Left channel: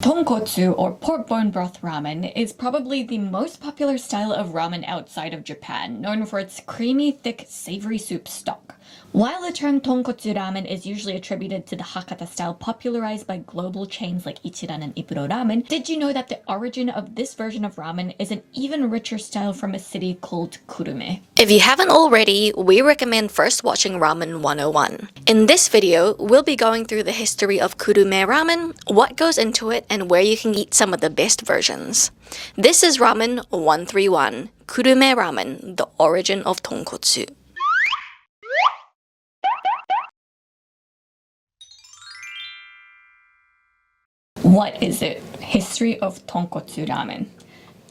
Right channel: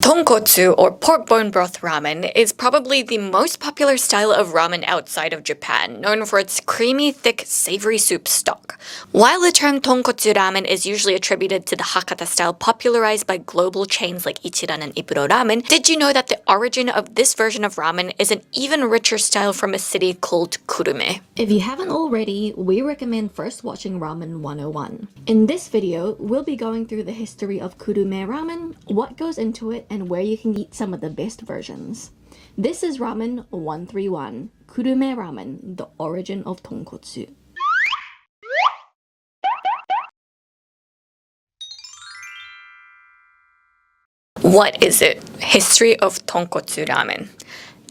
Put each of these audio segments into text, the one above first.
Tonkotsu, or pork bone broth ramen, is probably the most popular style of ramen outside of Japan, known for its creamy, thick, savory soup stock. While the term Tonkotsu Ramen is usually attributed to the Hakata style popularized by global chains like Ichiran and Ippudo ramen, did you know that the origin of this version of ramen is an even richer style from a city called Kurume? If you haven't already, we recommend first watching Ramen 101. In this video, we'll be going through the history of Kurume ramen, what goes into it, and where you can eat some of the best versions. This is Ramen 131, Kurume Ramen, the origin of tonkotsu. What is it? History of Tonkotsu Ramen.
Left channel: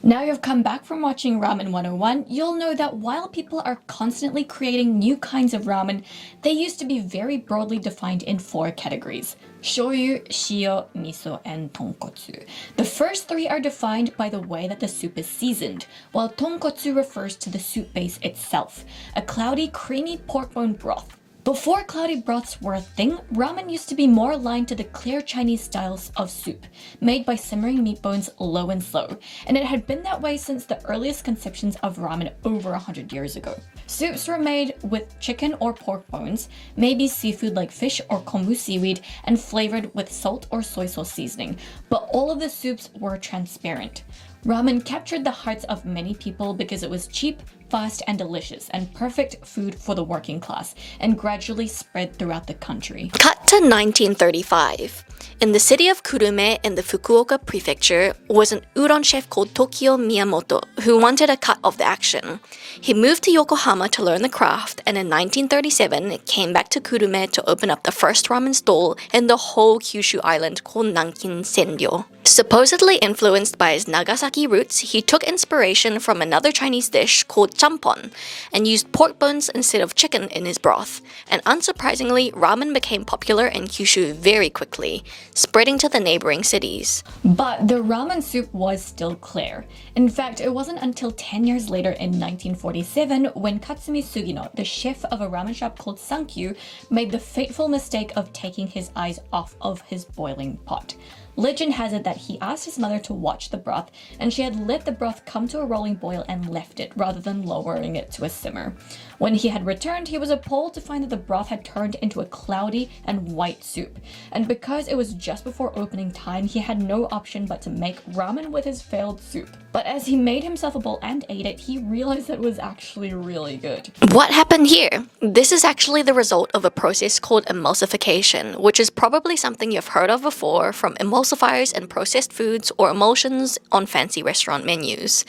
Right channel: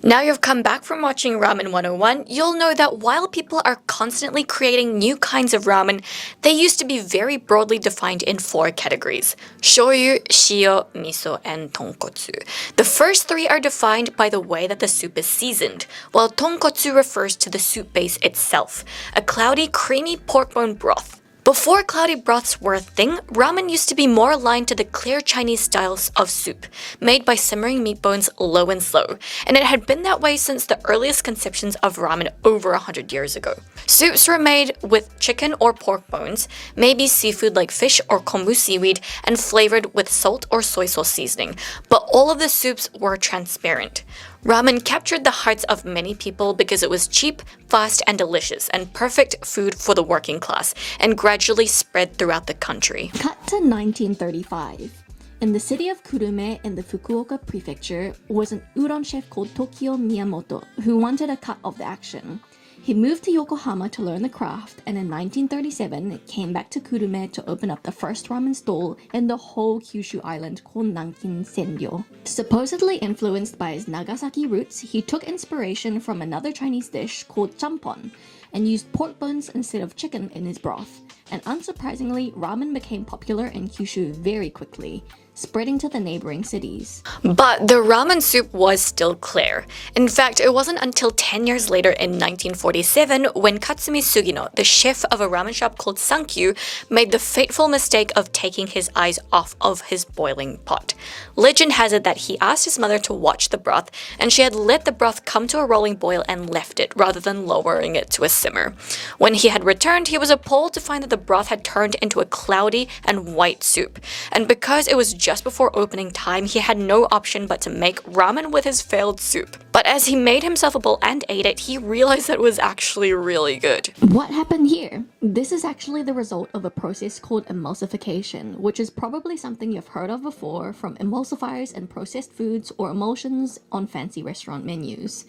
Now you've come back from watching Ramen 101, you'll know that while people are constantly creating new kinds of ramen, they used to be very broadly defined in 4 categories: shoyu, shio, miso, and tonkotsu. The first 3 are defined by the way that the soup is seasoned, while tonkotsu refers to the soup base itself, a cloudy, creamy pork bone broth. Before cloudy broths were a thing, ramen used to be more aligned to the clear Chinese styles of soup, made by simmering meat bones low and slow, and it had been that way since the earliest conceptions of ramen over 100 years ago. Soups were made with chicken or pork bones, maybe seafood like fish or kombu seaweed, and flavored with salt or soy sauce seasoning, but all of the soups were transparent. Ramen captured the hearts of many people because it was cheap, fast, and delicious, and perfect food for the working class, and gradually spread throughout the country. Cut to 1935. In the city of Kurume in the Fukuoka prefecture was an udon chef called Tokio Miyamoto who wanted a cut of the action. He moved to Yokohama to learn the craft, and in 1937 came back to Kurume to open up the first ramen stall in the whole Kyushu island called Nankin Senryo. Supposedly influenced by his Nagasaki roots, he took inspiration from another Chinese dish called champon and used pork bones instead of chicken in his broth. And unsurprisingly, ramen became popular in Kyushu very quickly, spreading to the neighboring cities. But the ramen soup was still clear. In fact, it wasn't until 10 years later in 1947 when Katsumi Sugino, the chef of a ramen shop called Sankyu, made the fateful mistake of taking his eyes off of his boiling pot. Legend has it that he asked his mother to watch the broth, and she had let the broth come to a rolling boil and left it, rather than lowering it to a simmer. When he had returned, he was appalled to find that the broth had turned into a cloudy and white soup. And because it was just before opening time, he had no option but to make ramen with his failed soup. But as he made himself a bowl and ate it, he realized that it was actually really good. What happened here? This is actually the result of a process called emulsification, which is probably something you've heard of before from emulsifiers in processed foods or emulsions on fancy restaurant menus.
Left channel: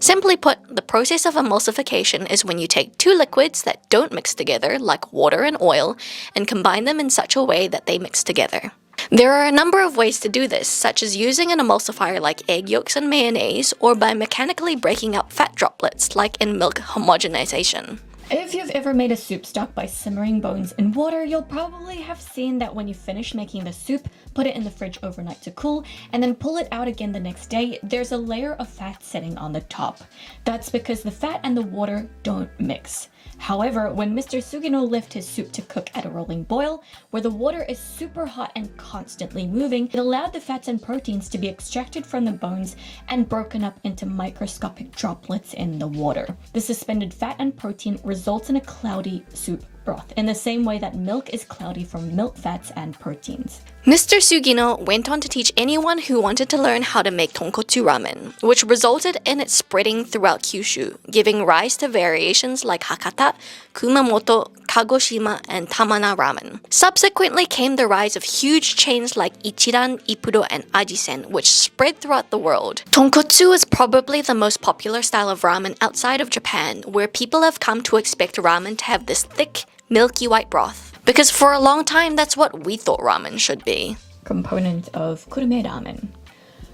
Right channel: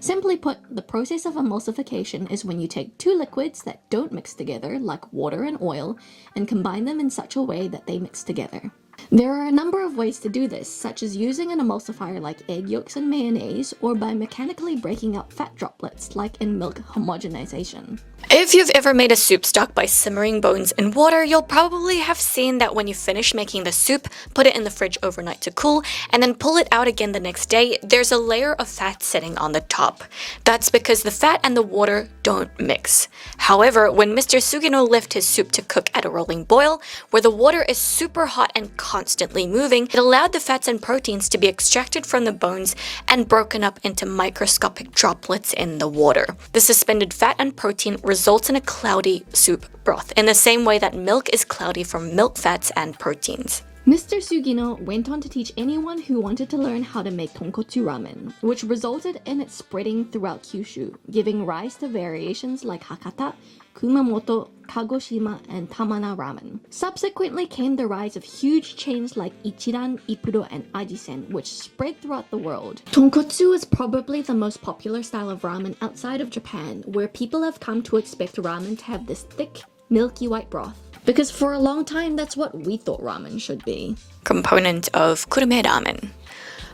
Simply put, the process of emulsification is when you take 2 liquids that don't mix together, like water and oil, and combine them in such a way that they mix together. There are a number of ways to do this, such as using an emulsifier like egg yolks and mayonnaise, or by mechanically breaking up fat droplets like in milk homogenization. If you've ever made a soup stock by simmering bones in water, you'll probably have seen that when you finish making the soup, put it in the fridge overnight to cool, and then pull it out again the next day, there's a layer of fat sitting on the top. That's because the fat and the water don't mix. However, when Mr. Sugino left his soup to cook at a rolling boil, where the water is super hot and constantly moving, it allowed the fats and proteins to be extracted from the bones and broken up into microscopic droplets in the water. The suspended fat and protein results in a cloudy soup broth, in the same way that milk is cloudy from milk fats and proteins. Mr. Sugino went on to teach anyone who wanted to learn how to make tonkotsu ramen, which resulted in it spreading throughout Kyushu, giving rise to variations like Hakata, Kumamoto, Kagoshima, and Tamana ramen. Subsequently came the rise of huge chains like Ichiran, Ippudo, and Ajisen, which spread throughout the world. Tonkotsu is probably the most popular style of ramen outside of Japan, where people have come to expect ramen to have this thick, milky white broth. Because for a long time, that's what we thought ramen should be. Component of Kurume Ramen.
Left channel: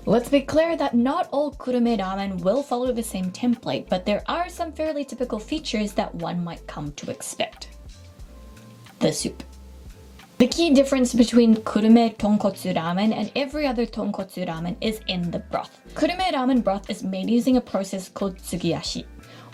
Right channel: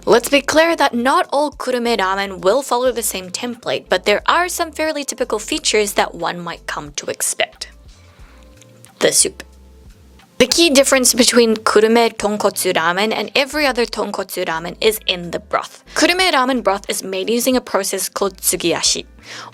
Let's be clear that not all Kurume Ramen will follow the same template, but there are some fairly typical features that one might come to expect. The soup. The key difference between Kurume Tonkotsu Ramen and every other Tonkotsu Ramen is in the broth. Kurume Ramen broth is made using a process called tsugiyashi.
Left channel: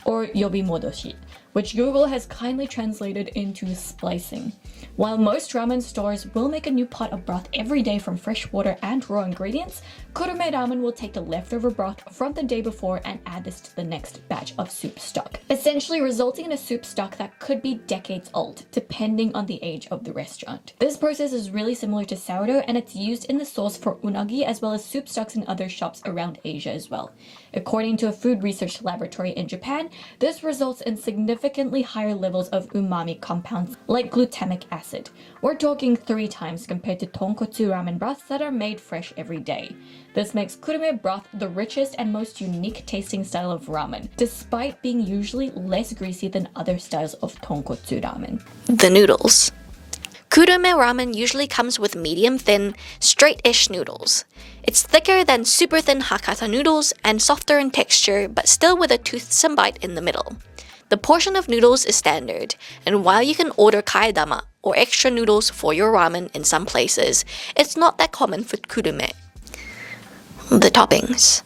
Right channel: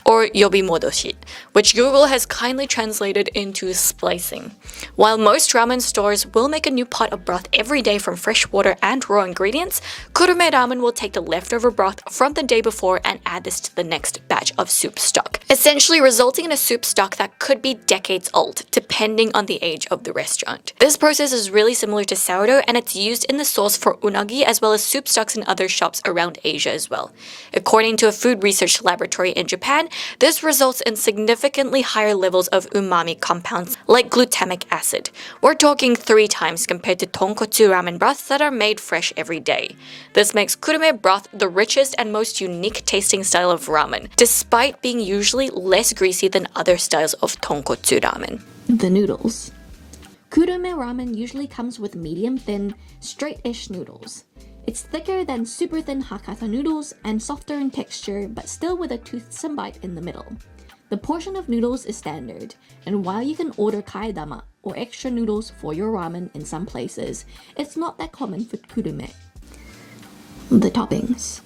or yobimodoshi, which Google has kindly translated into splicing. While most ramen stores will make a new pot of broth every day from fresh water and raw ingredients, Kurume Ramen will take the leftover broth from the day before and add this to the next batch of soup stock, essentially resulting in a soup stock that could be decades old, depending on the age of the restaurant. This process is really similar to sourdough, and it's used in the sauce for unagi as well as soup stocks in other shops around Asia as well. According to a food research laboratory in Japan, this results in significantly higher levels of umami compounds like glutamic acid. We're talking 3 times compared to tonkotsu ramen broths that are made fresh every day. This makes kurume broth the richest and most unique tasting style of ramen, despite being usually less greasy than other styles of tonkotsu ramen. The noodles. Kurume ramen usually comes with medium-thin, straight-ish noodles. It's thicker than super thin Hakata noodles and softer in texture, but still with a toothsome bite in the middle. The portion of noodles is standard, and while you can order kaedama or extra noodles for your ramen in some places, it's not that common for kurume. The toppings.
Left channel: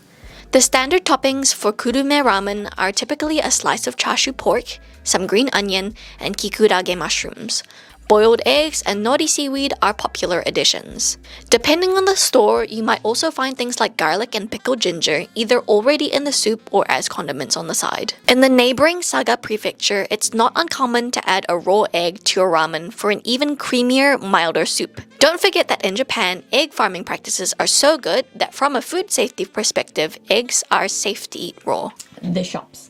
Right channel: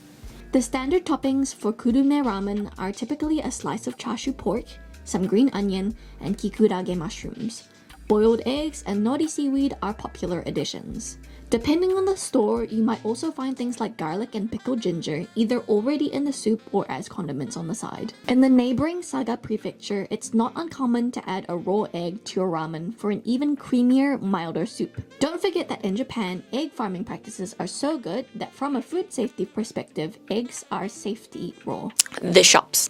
The standard toppings for kurume ramen are typically a slice of chashu pork, some green onion, and kikurage mushrooms. Boiled eggs and nori seaweed are popular additions. Depending on the store, you might also find things like garlic and pickled ginger either already in the soup or as condiments on the side. In the neighboring Saga prefecture, it's not uncommon to add a raw egg to your ramen for an even creamier, milder soup. Don't forget that in Japan, egg farming practices are so good that from a food safety perspective, eggs are safe to eat raw. The shops.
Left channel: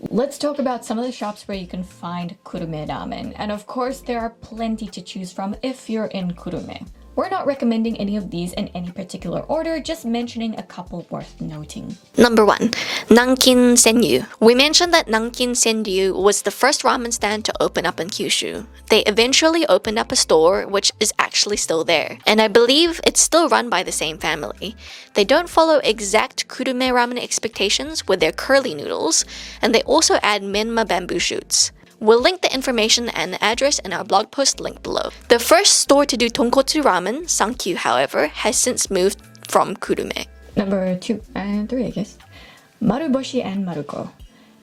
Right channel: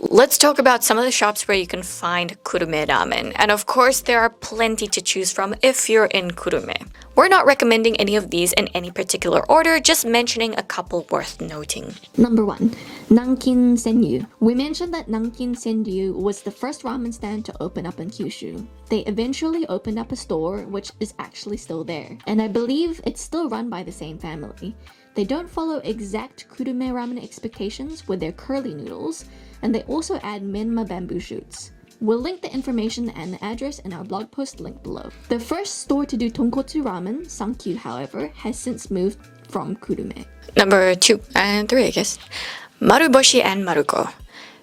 Let's talk about some of the shops where you can find Kurume Ramen. And of course, there are plenty to choose from if you're in Kurume. We're not recommending any of these in any particular order, just mentioning a couple worth noting. Number 1. Nankin Senryu. We mentioned that Nankin Senryu was the first ramen stand to open up in Kyushu. They eventually opened up a store, which is actually still there. And I believe it's still run by the same family. They don't follow exact Kurume ramen expectations with their curly noodles, and they also add menma bamboo shoots. We'll link the information and the address in our blog post link below. The first store to do tonkotsu ramen, Sankyu, however, has since moved from Kurume. Number 2 and 3, I guess. Maruboshi and Maruko.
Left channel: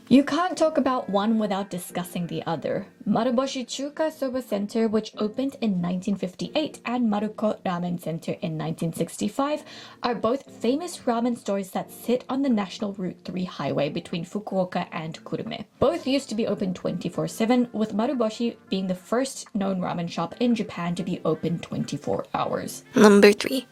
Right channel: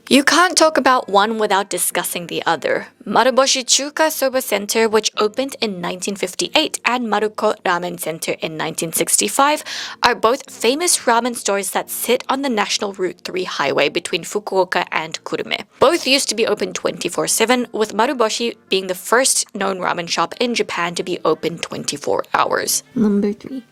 You can't talk about one without discussing the other. Maruboshi Chuka Soba Center, which opened in 1958, and Maruko Ramen Center in 1965, are both famous ramen stores that sit on the National Route 3 highway between Fukuoka and Kurume. Both used to be open 24/7, with Maruboshi being the first known ramen shop in Japan to be open 24 hours. Number 3.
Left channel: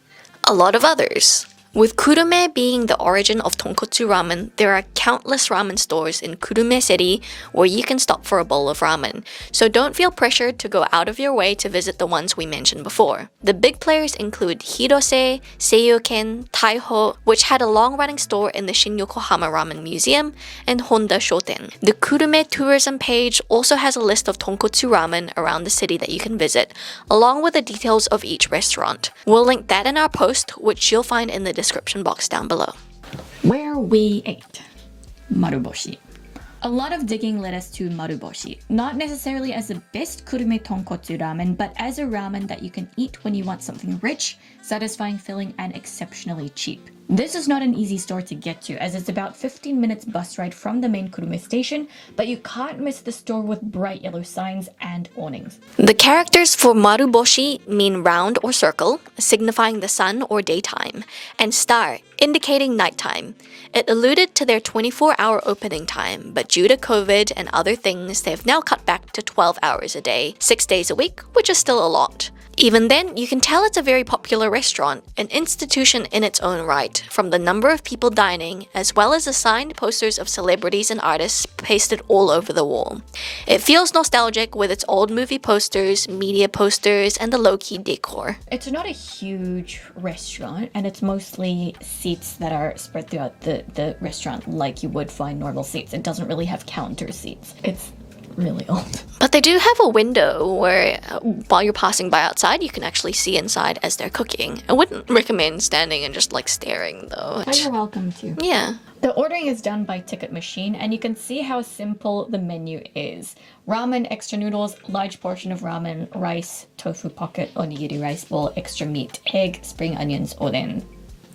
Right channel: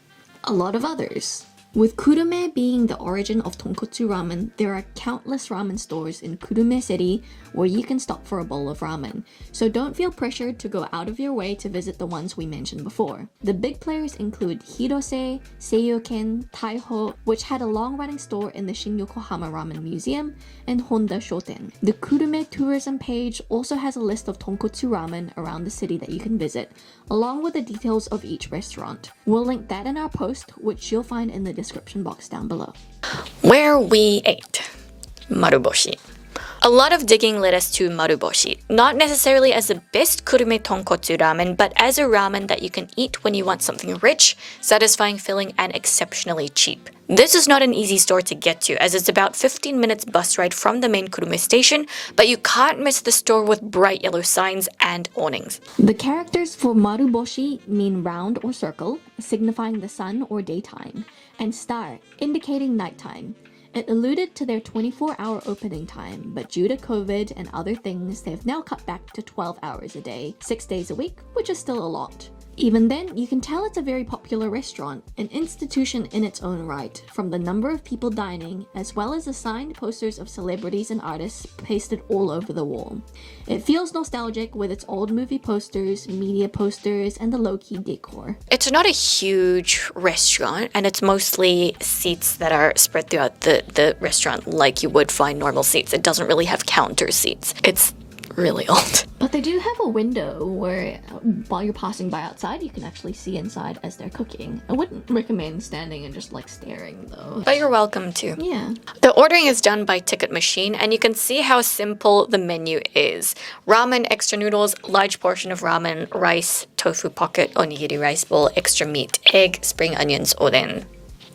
A lot of others. With Kurume being the origin of tonkotsu ramen, there are countless ramen stores in Kurume City where you can stop for a bowl of ramen, so don't feel pressured to go out of your way to visit the ones we mentioned before. The big players include Hirose, Seiyoken, Taiho, which had a long-running store in the Shin-Yokohama Ramen Museum, and Honda Shoten. The Kurume tourism page also has a list of tonkotsu ramen around the city that you can visit, along with the details of each restaurant. We'll link that in our post, which you'll find in the description box down below. Where we ate. Maruboshi. A lot of digging led us to Maruboshi, not necessarily as the best kurume tonkotsu ramen, but as a ramen that you can eat when you want something rich, satisfying, filling, and exceptionally cheap. This is not an easy store to get to, as it's about 15 minutes bus ride from the main Kurume station, but you can't miss the store with bright yellow signs and awnings. The characters for Maruboshi mean round or circle, signifying the sun or daytime, and star, indicating nighttime. It alluded to their 24-hour opening time, but due to COVID and other things, they've now cut back to 12 hours a day, 6 days a week, which is still a lot. Even then, you can tell it's a very popular restaurant, an institution in its own right, from the number of people dining, as well as the signed posters of celebrities and artists pasted all over the wall. It feels nostalgic with its old movie posters, media posters, and the low-key decor. It's not a huge restaurant, and it's mostly seats that are spread throughout the restaurant like you would find normal seats. It doesn't really have counter seats. It's really old. But they do have a window where while you're passing by outside, you can actually see inside as they're cooking. I wouldn't recommend standing and just like staring though. But you're welcome to. Yeah. The ordering is done by ticket machine, and you can see how simple the menu is. Ramen, extra noodles, large portion of ramen, rice, tofu pocket, onigiri rice bowl, extra meat, egg, spring onions, oden.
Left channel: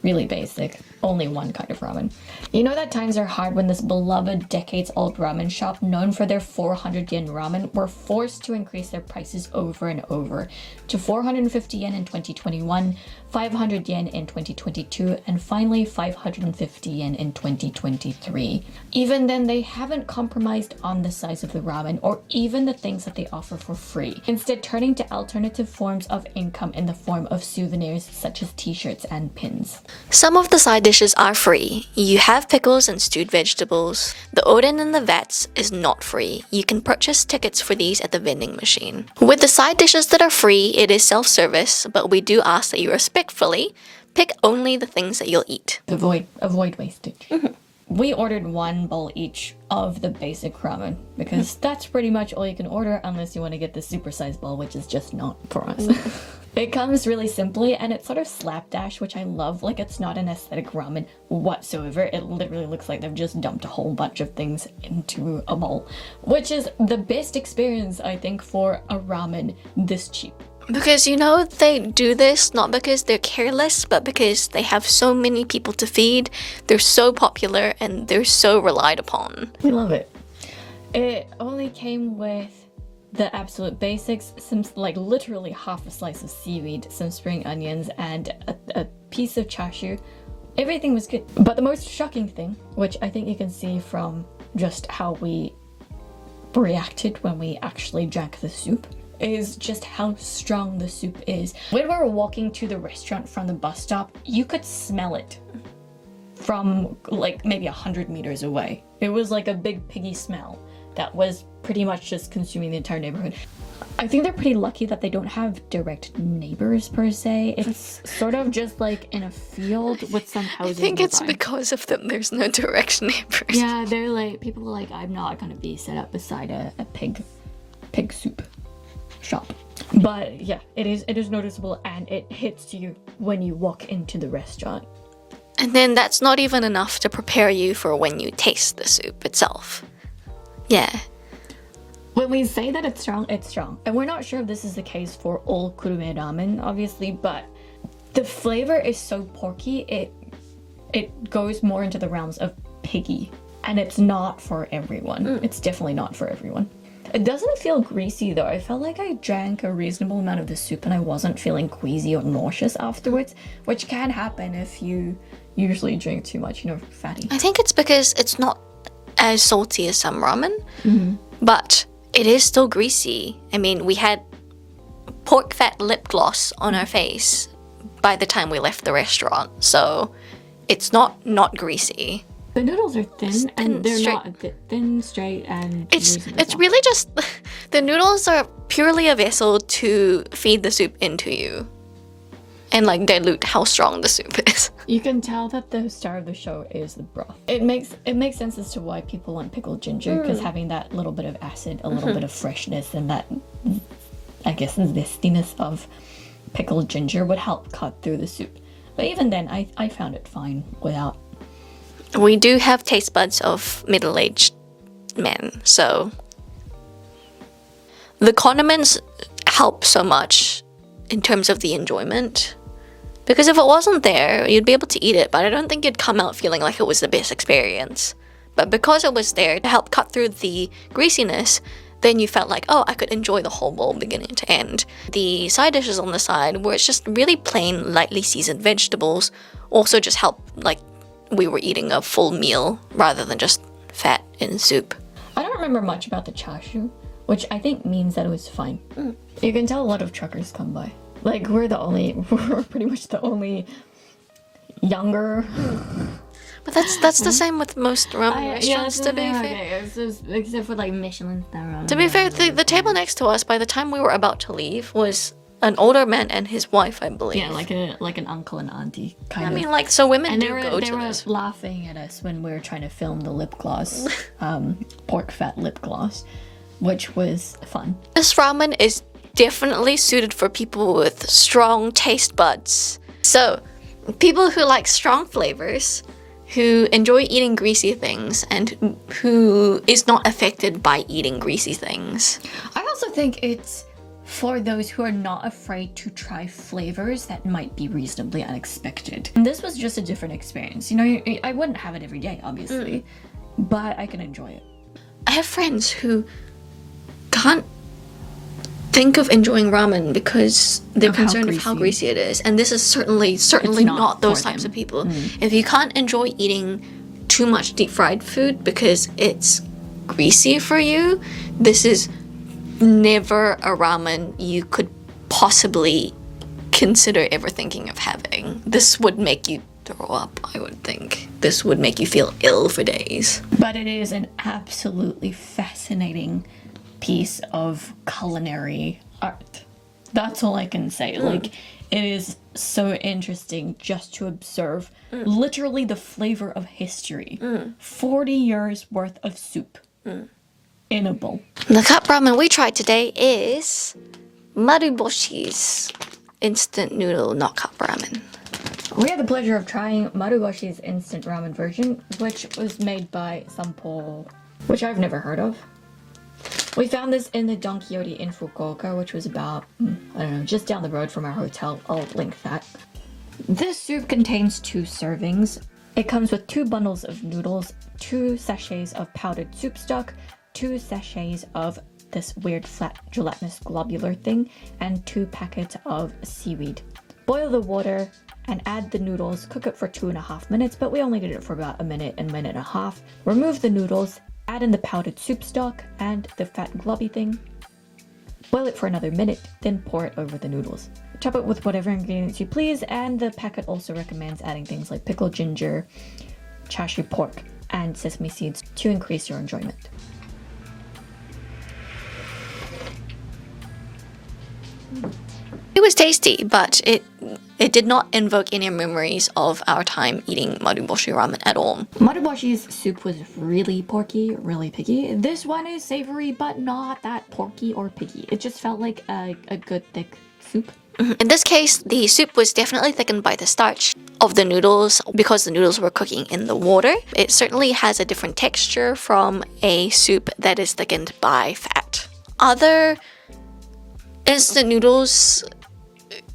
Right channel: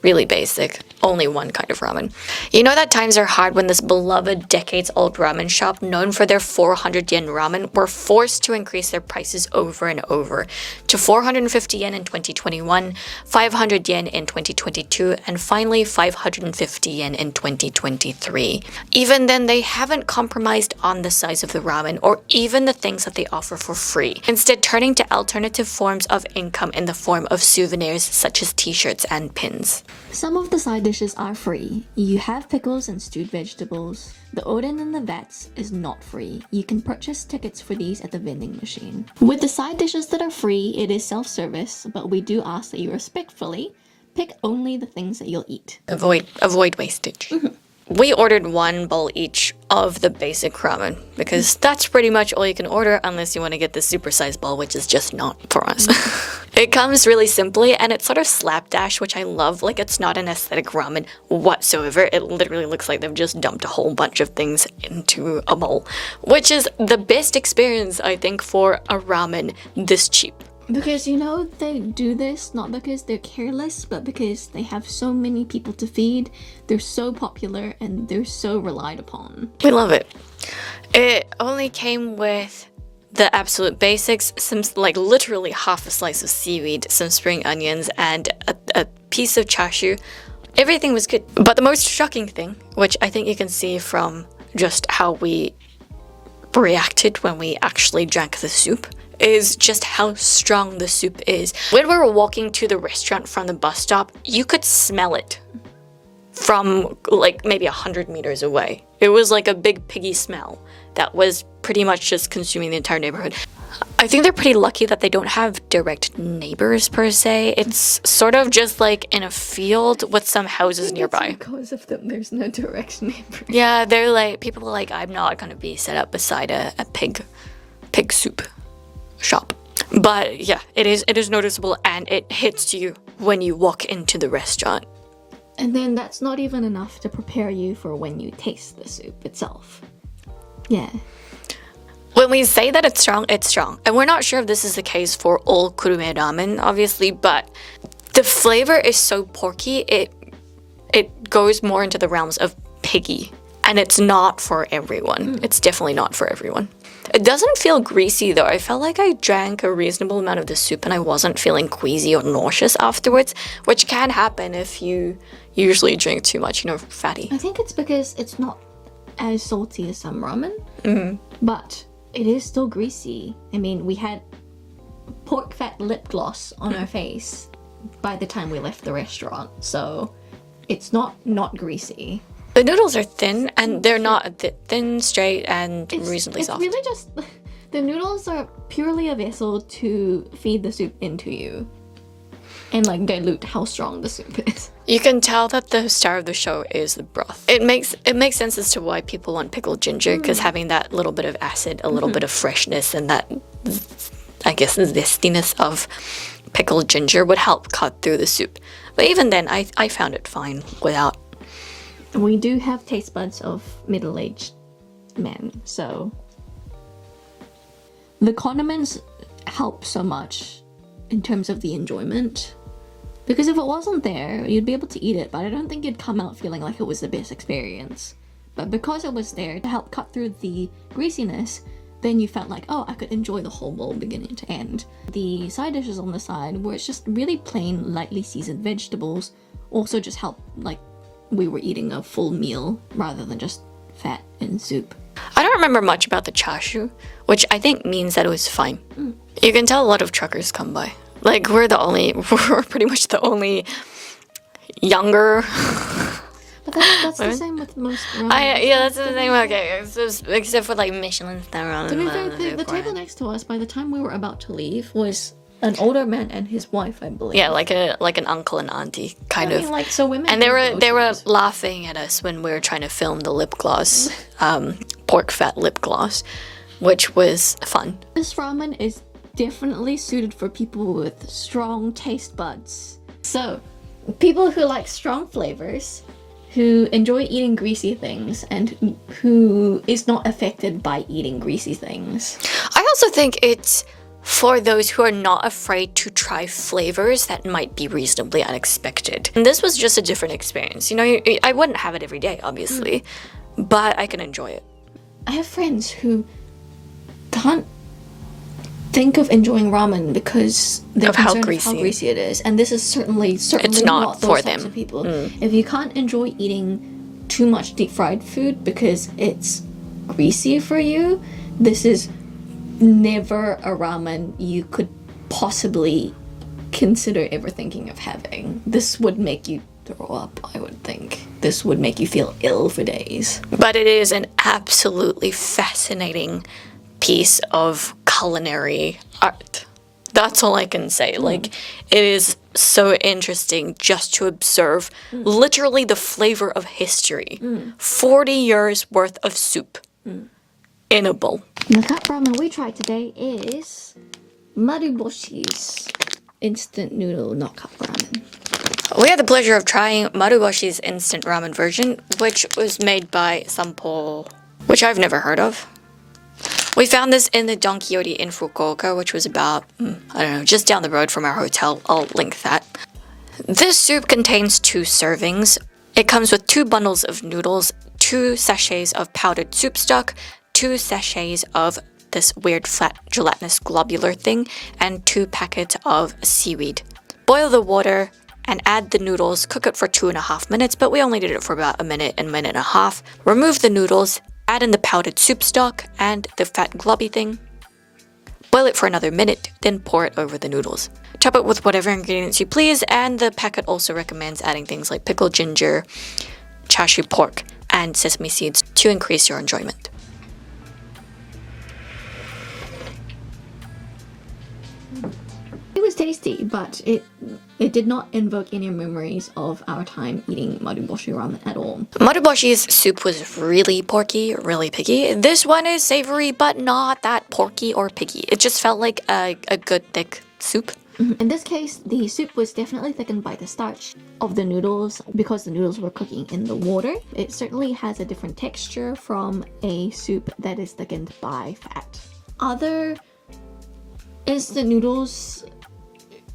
Really basic. only one kind of ramen. You know that times are hard when this beloved decades-old ramen shop known for their 400 yen ramen were forced to increase their prices over and over to 450 yen in 2021, 500 yen in 2022, and finally 550 yen in 2023. Even then, they haven't compromised on the size of the ramen or even the things that they offer for free, instead turning to alternative forms of income in the form of souvenirs such as t-shirts and pins. Some of the side dishes are free. You have pickles and stewed vegetables. The oden in the vats is not free. You can purchase tickets for these at the vending machine. With the side dishes that are free, it is self-service, but we do ask that you respectfully pick only the things that you'll eat. Avoid wastage. We ordered one bowl each of the basic ramen because that's pretty much all you can order unless you want to get the supersized bowl, which is just not for us. It comes really simply and it's sort of slapdash, which I love. Like, it's not an aesthetic ramen whatsoever. It literally looks like they've just dumped a whole bunch of things into a bowl, which is the best experience, I think, for a ramen this cheap. Because, you know, they do this not because they're careless, but because they have so many people to feed, they're so popular, and they're so relied upon. We love it. It only came with the absolute basics, some, like, literally half a slice of seaweed, some spring onions, and a piece of chashu. Everything was good. But the most shocking thing, which I think you can see from just how we reacted when we actually drank the soup, is just how strong the soup is. When we were walking to the restaurant from the bus stop, you could smell it from like maybe 100 meters away. It was like a big piggy smell that was pretty much just consuming the entire neighborhood. I think they're pretty lucky that they don't have direct neighbors per se. It's sort of just like in a field with some houses I think nearby. it's because of them there's no direct neighbors. Yeah, they're like, people are like, I'm not gonna be set up beside a pig soup shop. But yeah, it is noticeable and it hits you when you walk into the restaurant. And then that's not even enough to prepare you for when you taste the soup itself. Yeah. When we say that it's strong, it's strong. And we're not sure if this is the case for all Kurume Ramen, obviously, but the flavor is so porky, it goes more into the realms of piggy. And it's not for everyone. It's definitely not for everyone. It doesn't feel greasy though. I felt like I drank a reasonable amount of the soup and I wasn't feeling queasy or nauseous afterwards, which can happen if you usually drink too much, you know, fatty. I think it's because it's not as salty as some ramen, but it is still greasy. I mean, we had pork fat lip gloss on our face by the time we left the restaurant, so it's not greasy. The noodles are thin and they're not thin, straight, and reasonably soft. It's really just, the noodles are purely a vessel to feed the soup into you and like dilute how strong the soup is. You can tell that the star of the show is the broth. It makes sense as to why people want pickled ginger, because having that little bit of acid, a little bit of freshness, and that, I guess, the zestiness of pickled ginger would help cut through the soup. But even then, I found it fine without. We do have taste buds of middle-aged men, so the condiments help so much in terms of the enjoyment. Because if it wasn't there, you'd be able to eat it, but I don't think you'd come out feeling like it was the best experience. But because it was there to help cut through the greasiness, then you felt like, oh, I could enjoy the whole bowl beginning to end. The side dishes on the side, where it's just really plain, lightly seasoned vegetables, also just help, like, we were eating a full meal rather than just fat in soup. I don't remember much about the chashu, which I think means that it was fine. You can tell a lot of truckers come by. Like, we're pretty much the only younger. But that's the same with most ramen Yeah, that's restaurants, the to be thing. fair. Okay, except for like Michelin star ramen. To be fair, the table next to us, by the time we were about to leave, was an older man and his wife, I believe. Yeah, like an uncle and auntie kind of. I mean, like, so women. And they were these. laughing at us when we were trying to film the lip gloss, pork fat lip gloss, which was fun. This ramen is definitely suited for people with strong taste buds. So, people who like strong flavors, who enjoy eating greasy things, and who is not affected by eating greasy things. I also think it's for those who are not afraid to try flavors that might be reasonably unexpected. And this was just a different experience. You know, I wouldn't have it every day, obviously, but I can enjoy it. I have friends who can't think of enjoying ramen because they're concerned with how greasy it is. And this is certainly not those types of people. If you can't enjoy eating too much deep fried food because it's greasy for you, this is never a ramen you could possibly consider ever thinking of having. This would make you throw up, I would think. This would make you feel ill for days. But it is an absolutely fascinating piece of culinary art. That's all I can say. Like, it is so interesting just to observe literally the flavor of history. 40 years worth of soup in a bowl. The cup ramen we tried today is Maruboshi's instant noodle not cup ramen. We had the pleasure of trying Maruboshi's instant ramen version, which was made by Sampo, which I've never heard of. We found this in the Donkiyori in Fukuoka, which was about, I don't know, just down the road from our hotel. I'll link that. This soup contains 2 servings. It comes with 2 bundles of noodles, 2 sachets of powdered soup stock, 2 sachets of this weird flat gelatinous globular thing, and 2 packets of seaweed. Boil the water and add the noodles. Cook it for 2.5 minutes, but we only did it for about a minute and a half. Remove the noodles. Add in the powdered soup stock and the fat globby thing. Boil it for another minute, then pour it over the noodles. Top it with whatever ingredients you please, and the packet also recommends adding things like pickled ginger, chashu pork, and sesame seeds to increase your enjoyment. It was tasty, but it did not invoke any memories of our time eating Maruboshi ramen at all. Maruboshi's soup was really porky, really piggy. This one is savory, but not that porky or piggy. It just felt like a good thick soup. In this case, the soup was definitely thickened by the starch of the noodles because the noodles were cooking in the water. It certainly has a different texture from a soup that is thickened by fat. Other instant noodles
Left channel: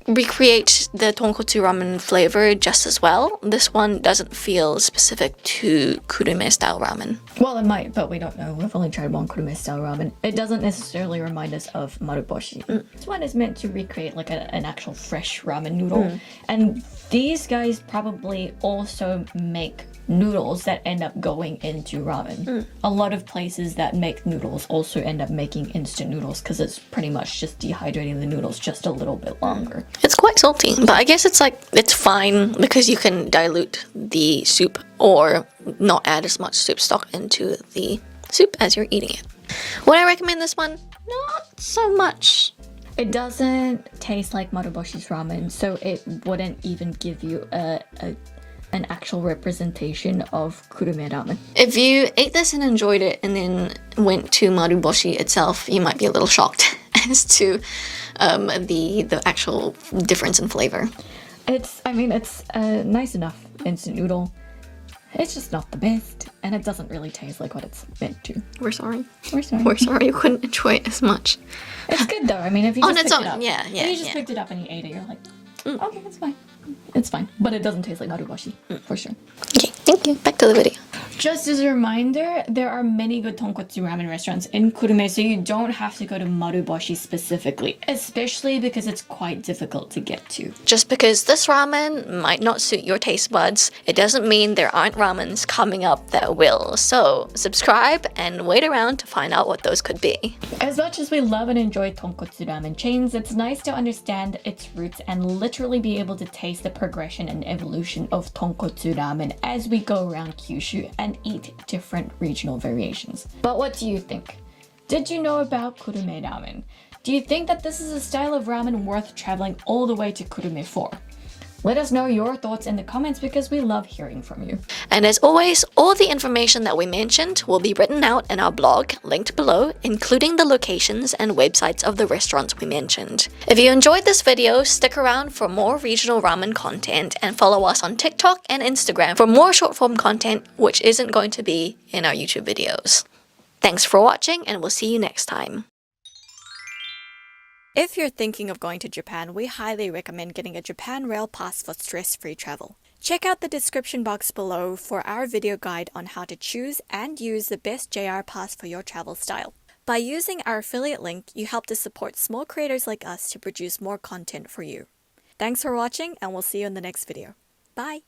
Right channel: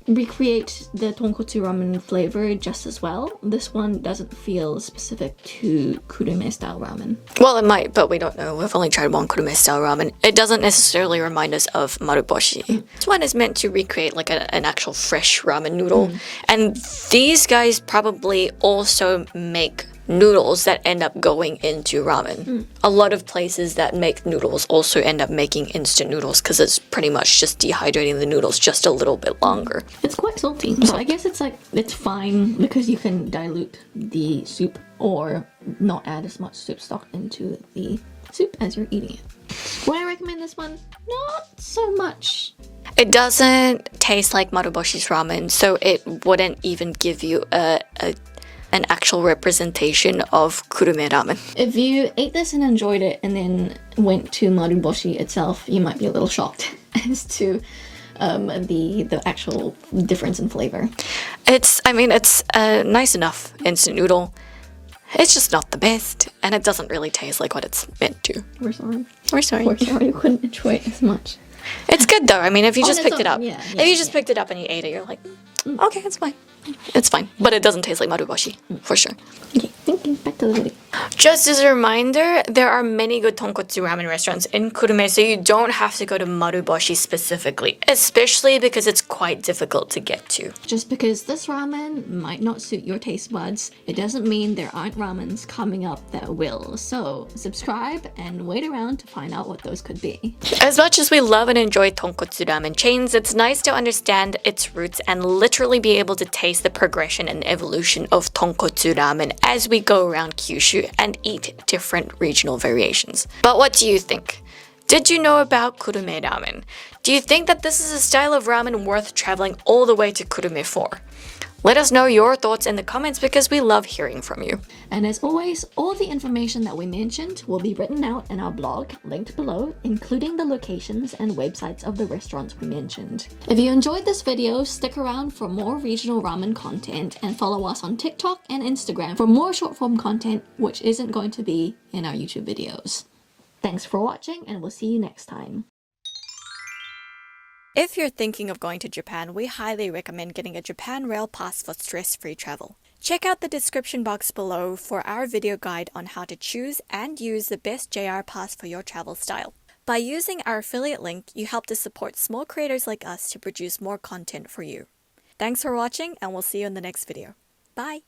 recreate the Tonkotsu Ramen flavor just as well. This one doesn't feel specific to Kurume style ramen. Well, it might, but we don't know. We've only tried one Kurume style ramen. It doesn't necessarily remind us of Maruboshi. This one is meant to recreate like an actual fresh ramen noodle. And these guys probably also make noodles that end up going into ramen. A lot of places that make noodles also end up making instant noodles because it's pretty much just dehydrating the noodles just a little bit longer. It's quite salty, but I guess it's fine because you can dilute the soup or not add as much soup stock into the soup as you're eating it. Would I recommend this one? Not so much. It doesn't taste like Maruboshi's ramen, so it wouldn't even give you an actual representation of Kurume ramen. If you ate this and enjoyed it and then went to Maruboshi itself, you might be a little shocked as to the actual difference in flavor. It's a nice enough instant noodle. It's just not the best, and it doesn't really taste like what it's meant to. We're sorry. We're sorry. We're sorry you couldn't enjoy it as much. It's good though. I mean, if you just picked it up, if you just picked it up and you ate it, you're like, okay, it's fine. It's fine. But it doesn't taste like Maruboshi, for sure. Okay, thank you. Back to the video. Just as a reminder, there are many good tonkotsu ramen restaurants in Kurume, so you don't have to go to Maruboshi specifically, especially because it's quite difficult to get to. Just because this ramen might not suit your taste buds, it doesn't mean there aren't ramens coming up that will. So subscribe and wait around to find out what those could be. As much as we love and enjoy tonkotsu ramen chains, it's nice to understand its roots and literally be able to taste the progression and evolution of tonkotsu ramen as we go around Kyushu and eat different regional variations. But what do you think? Did you know about Kurume ramen? Do you think that this is a style of ramen worth traveling all the way to Kurume for? Let us know your thoughts in the comments because we love hearing from you. And as always, all the information that we mentioned will be written out in our blog, linked below, including the locations and websites of the restaurants we mentioned. If you enjoyed this video, stick around for more regional ramen content and follow us on TikTok and Instagram for more short-form content, which isn't going to be in our YouTube videos. Thanks for watching, and we'll see you next time. If you're thinking of going to Japan, we highly recommend getting a Japan Rail Pass for stress-free travel. Check out the description box below for our video guide on how to choose and use the best JR Pass for your travel style. By using our affiliate link, you help to support small creators like us to produce more content for you. Thanks for watching, and we'll see you in the next video. Bye!